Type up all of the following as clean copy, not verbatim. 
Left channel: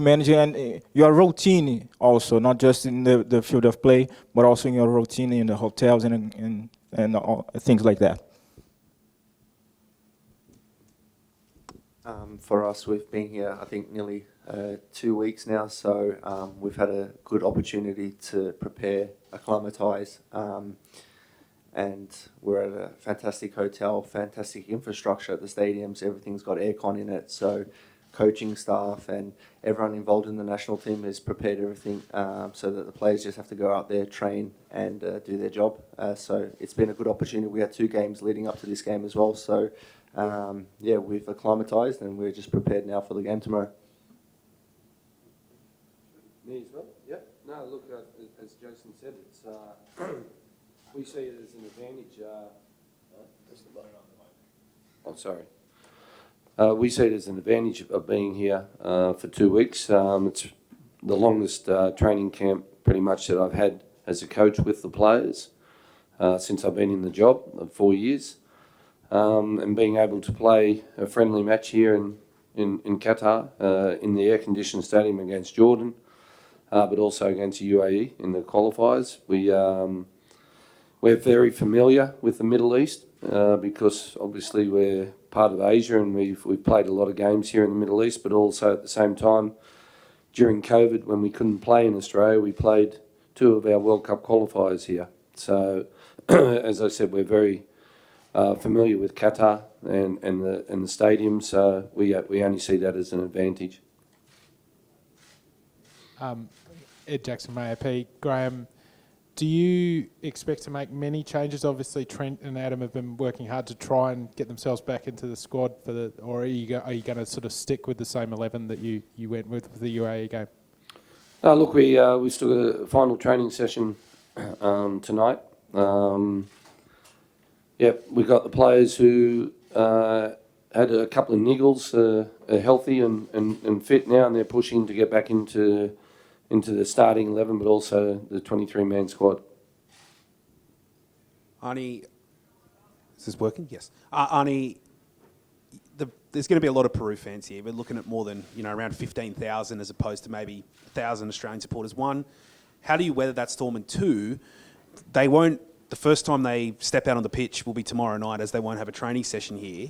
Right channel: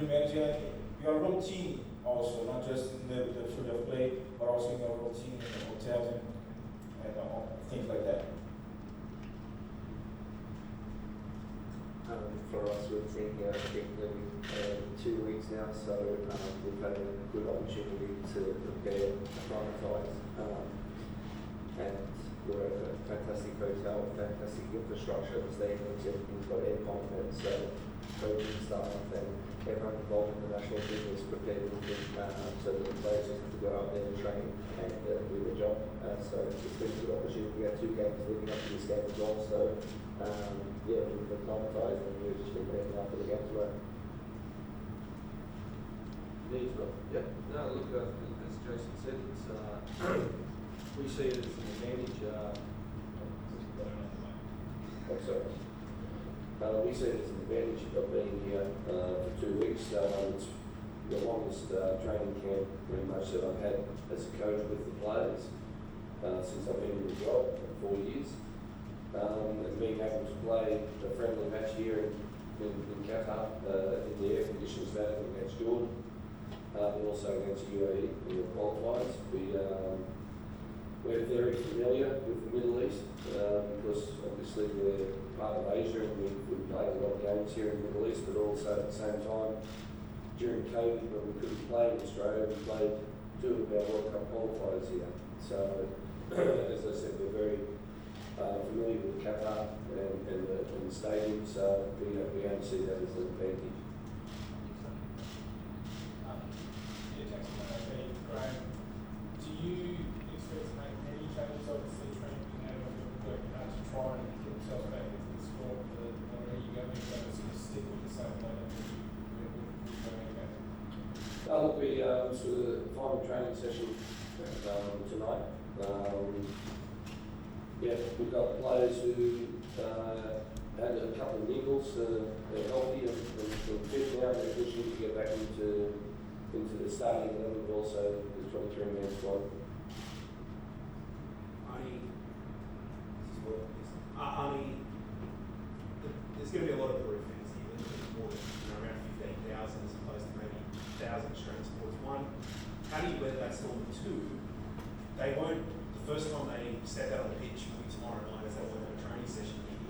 managing and your routine also, not just in the field of play, but also in your routine in the hotels and all, things like that. For us, we've been here, I think, nearly 2 weeks now, so we've had a good opportunity to prepare, acclimatise, and we're at a fantastic hotel, fantastic infrastructure at the stadiums, everything's got aircon in it, so coaching staff and everyone involved in the national team has prepared everything so that the players just have to go out there, train and do their job. So it's been a good opportunity. We had 2 games leading up to this game as well, so yeah, we've acclimatised and we're just prepared now for the game tomorrow. Yeah, no, look, as Jason said, it's, we see it as an advantage. We see it as an advantage of being here for 2 weeks. It's the longest training camp pretty much that I've had as a coach with the players since I've been in the job of 4 years. And being able to play a friendly match here in Qatar in the air-conditioned stadium against Jordan, but also against the UAE in the qualifiers. We're very familiar with the Middle East because obviously we're part of Asia and we've played a lot of games here in the Middle East, but also at the same time during COVID when we couldn't play in Australia, we played 2 of our World Cup qualifiers here. So as I said, we're very familiar with Qatar and the stadium, so we only see that as an advantage. Ed Jackson, AAP. Graham, do you expect to make many changes? Obviously, Trent and Adam have been working hard to try and get themselves back into the squad for the, or are you going to sort of stick with the same 11 that you went with the UAE game? Look, we still got a final training session tonight. Yeah, we got the players who had a couple of niggles, are healthy and fit now, and they're pushing to get back into the starting 11, but also the 23-man squad. Arnie, is this working? Yes. Arnie, there's going to be a lot of Peru fans here. We're looking at more than around 15,000 as opposed to maybe 1,000 Australian supporters. 1, how do you weather that storm? And 2, they won't. The first time they step out on the pitch will be tomorrow night, as they won't have a training session here.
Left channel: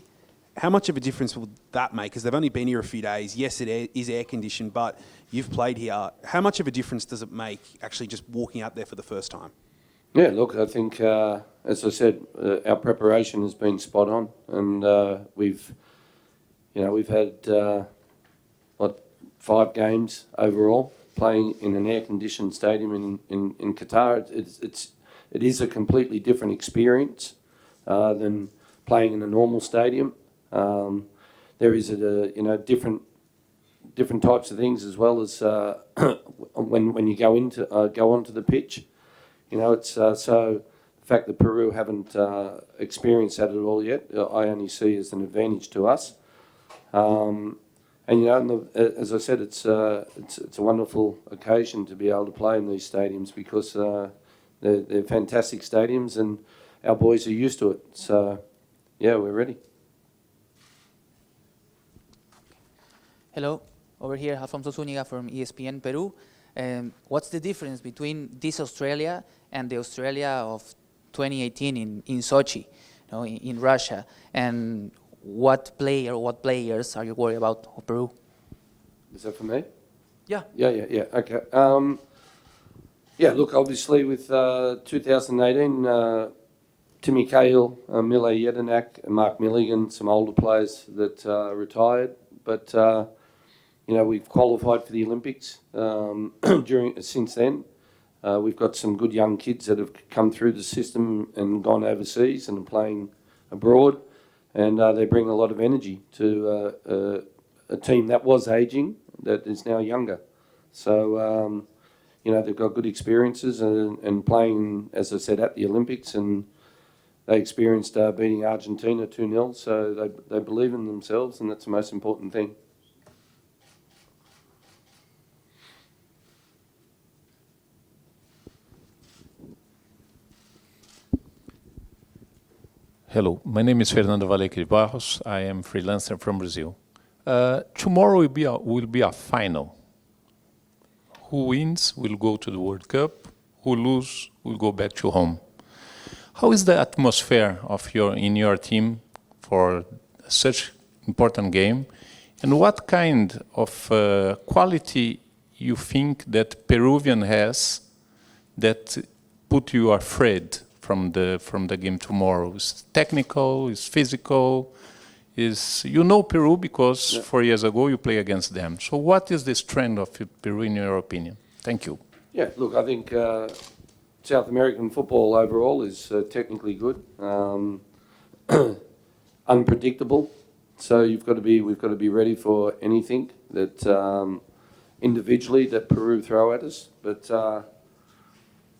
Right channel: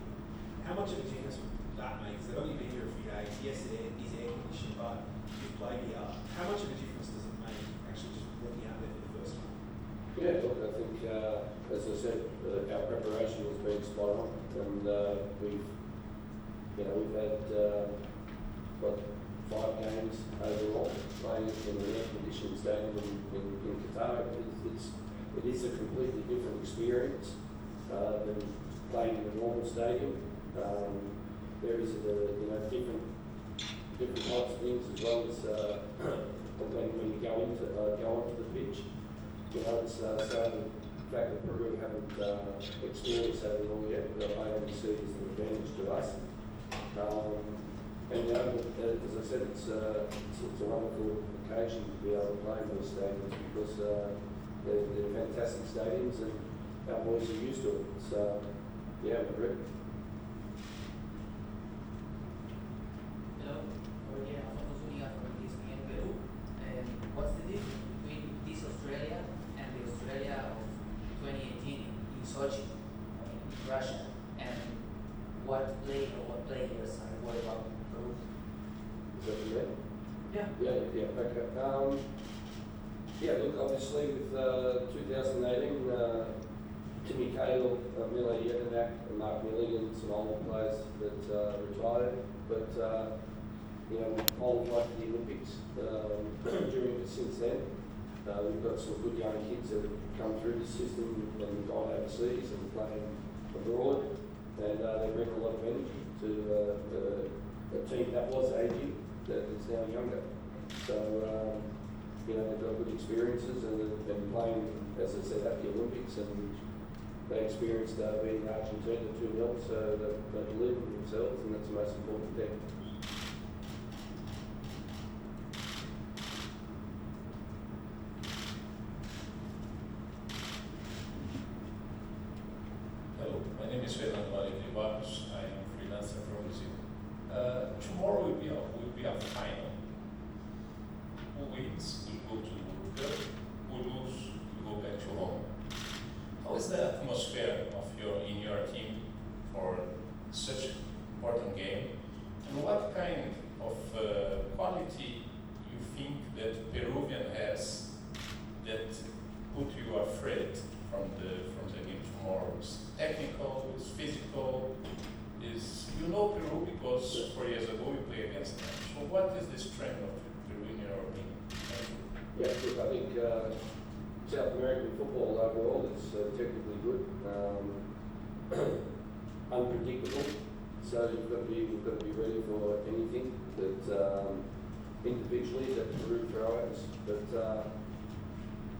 How much of a difference will that make? Because they've only been here a few days. Yes, it is air-conditioned, but you've played here. How much of a difference does it make actually just walking out there for the first time? Yeah, look, I think, as I said, our preparation has been spot on, and we've had 5 games overall playing in an air-conditioned stadium in Qatar. It is a completely different experience than playing in a normal stadium. There is different types of things as well as when you go onto the pitch. It's so the fact that Peru haven't experienced that at all yet, I only see as an advantage to us. And as I said, it's a wonderful occasion to be able to play in these stadiums because they're fantastic stadiums and our boys are used to it. So yeah, we're ready. Hello, over here, Alfonso Zúñiga from ESPN Peru. What's the difference between this Australia and the Australia of 2018 in Sochi, in Russia? And what players are you worried about in Peru? Is that for me? Yeah. Yeah. Okay. Yeah, look, obviously with 2018, Timmy Cahill, Mile Jedinak, and Mark Milligan, some older players that retired, but we've qualified for the Olympics since then. We've got some good young kids that have come through the system and gone overseas and playing abroad, and they bring a lot of energy to a team that was ageing, that is now younger. So, they've got good experiences and playing, as I said, at the Olympics, and they experienced beating Argentina 2-0, so they believe in themselves, and that's the most important thing. Hello, my name is Fernando Valecri Barros. I am freelancer from Brazil. Tomorrow will be a final who wins will go to the World Cup, who lose will go back to home. How is the atmosphere in your team for such important game, and what kind of quality you think that Peruvian has that put you afraid from the game tomorrow? Is technical? Is physical? You know Peru because 4 years ago you played against them. So what is the strength of Peru in your opinion? Thank you. Yeah, look, I think South American football overall is technically good, unpredictable. So we've got to be ready for anything that individually that Peru throw at us. But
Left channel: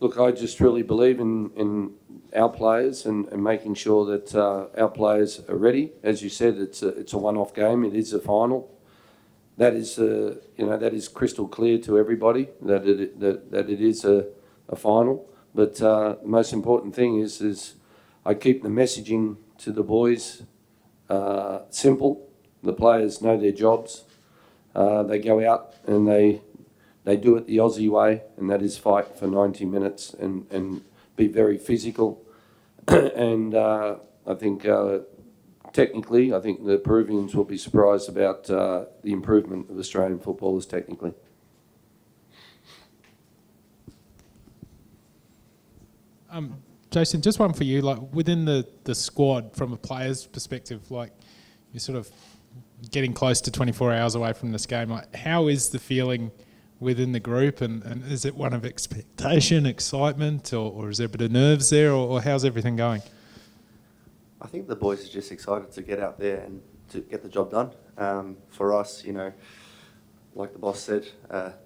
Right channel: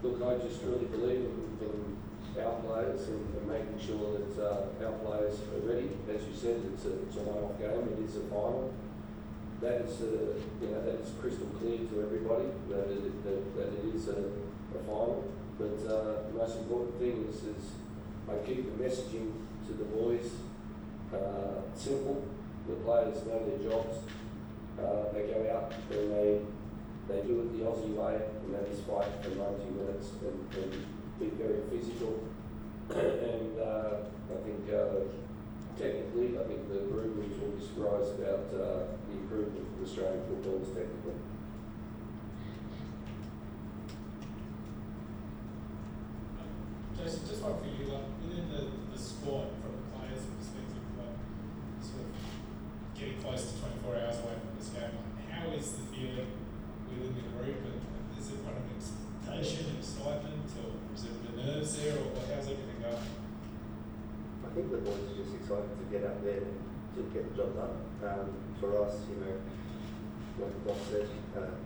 look, I just really believe in our players and making sure that our players are ready. As you said, it's a one-off game. It is a final. That is that is crystal clear to everybody that it is a final. But the most important thing is I keep the messaging to the boys simple. The players know their jobs. They go out and they do it the Aussie way, and that is fight for 90 minutes and be very physical. And I think technically, I think the Peruvians will be surprised about the improvement of Australian footballers technically. Jason, just one for you. Like within the squad, from a player's perspective, like you're sort of getting close to 24 hours away from this game. Like, how is the feeling within the group, and is it one of expectation, excitement, or is there a bit of nerves there, or how's everything going? I think the boys are just excited to get out there and to get the job done. For us, like the boss said,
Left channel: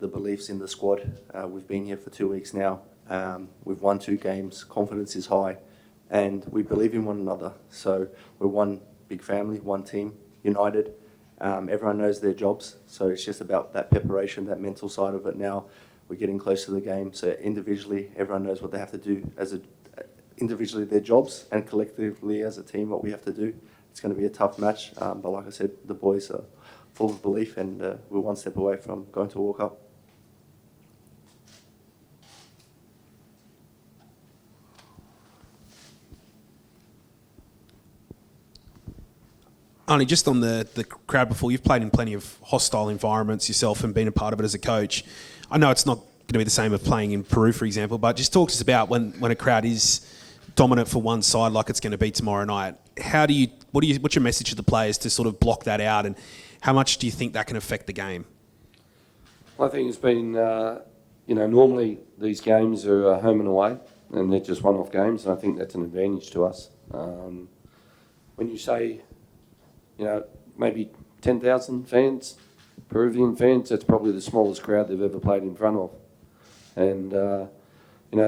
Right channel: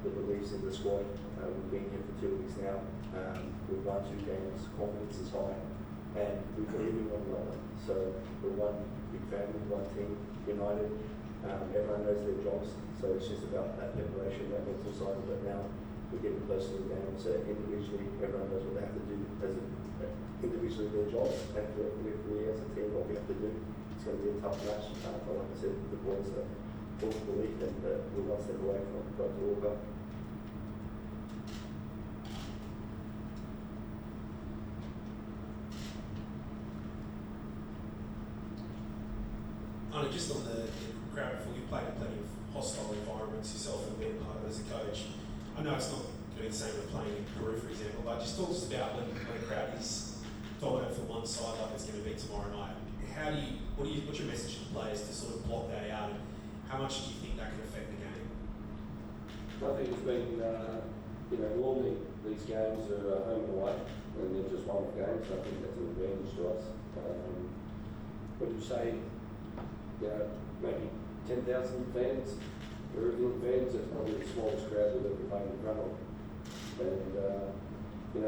the belief's in the squad. We've been here for 2 weeks now. We've won 2 games. Confidence is high, and we believe in one another. So we're one big family, one team, united. Everyone knows their jobs, so it's just about that preparation, that mental side of it now. We're getting close to the game, so individually, everyone knows what they have to do individually their jobs, and collectively as a team what we have to do. It's going to be a tough match, but like I said, the boys are full of belief, and we're one step away from going to a World Cup. Only just on the crowd before, you've played in plenty of hostile environments yourself and been a part of it as a coach. I know it's not going to be the same as playing in Peru, for example, but just talk to us about when a crowd is dominant for one side like it's going to be tomorrow night. What's your message to the players to sort of block that out, and how much do you think that can affect the game? I think it's been, normally these games are home and away, and they're just one-off games, and I think that's an advantage to us. When you say, maybe 10,000 fans, Peruvian fans, that's probably the smallest crowd they've ever played in front of. And,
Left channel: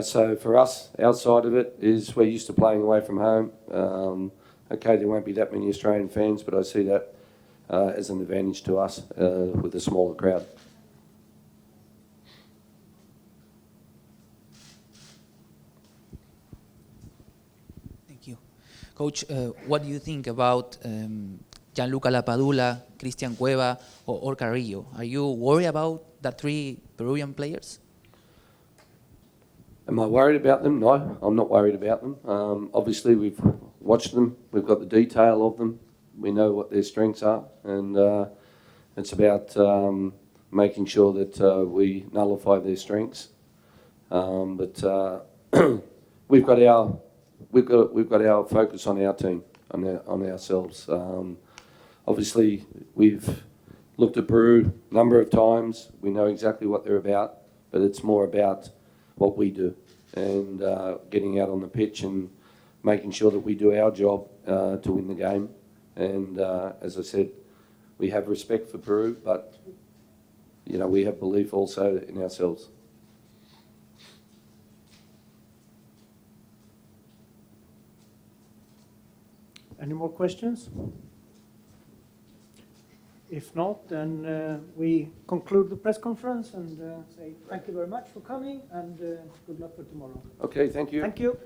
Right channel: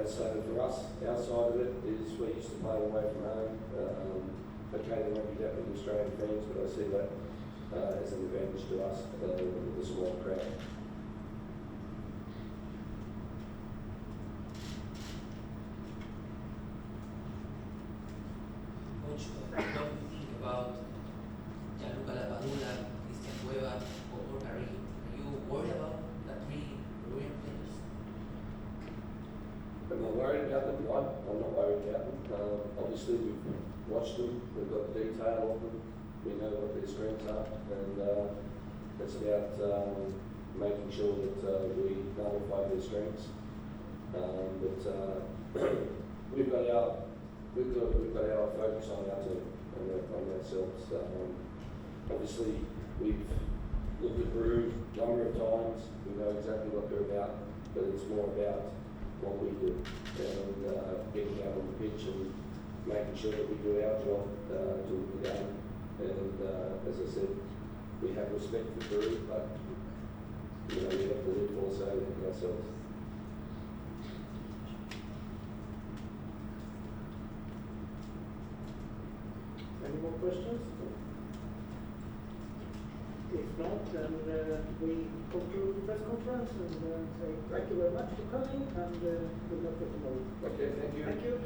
so for us, our side of it is we're used to playing away from home. Okay, there won't be that many Australian fans, but I see that as an advantage to us with a smaller crowd. Thank you. Coach, what do you think about Gianluca Lapadula, Cristian Cueva, or Carrillo? Are you worried about the 3 Peruvian players? Am I worried about them? No, I'm not worried about them. Obviously, we've watched them. We've got the detail of them. We know what their strengths are, and it's about making sure that we nullify their strengths. But we've got our focus on our team, on ourselves. Obviously, we've looked at Peru a number of times. We know exactly what they're about, but it's more about what we do and getting out on the pitch and making sure that we do our job to win the game. And as I said, we have respect for Peru, but we have belief also in ourselves. Any more questions? If not, then we conclude the press conference and say thank you very much for coming, and good luck for tomorrow. Okay, thank you. Thank you.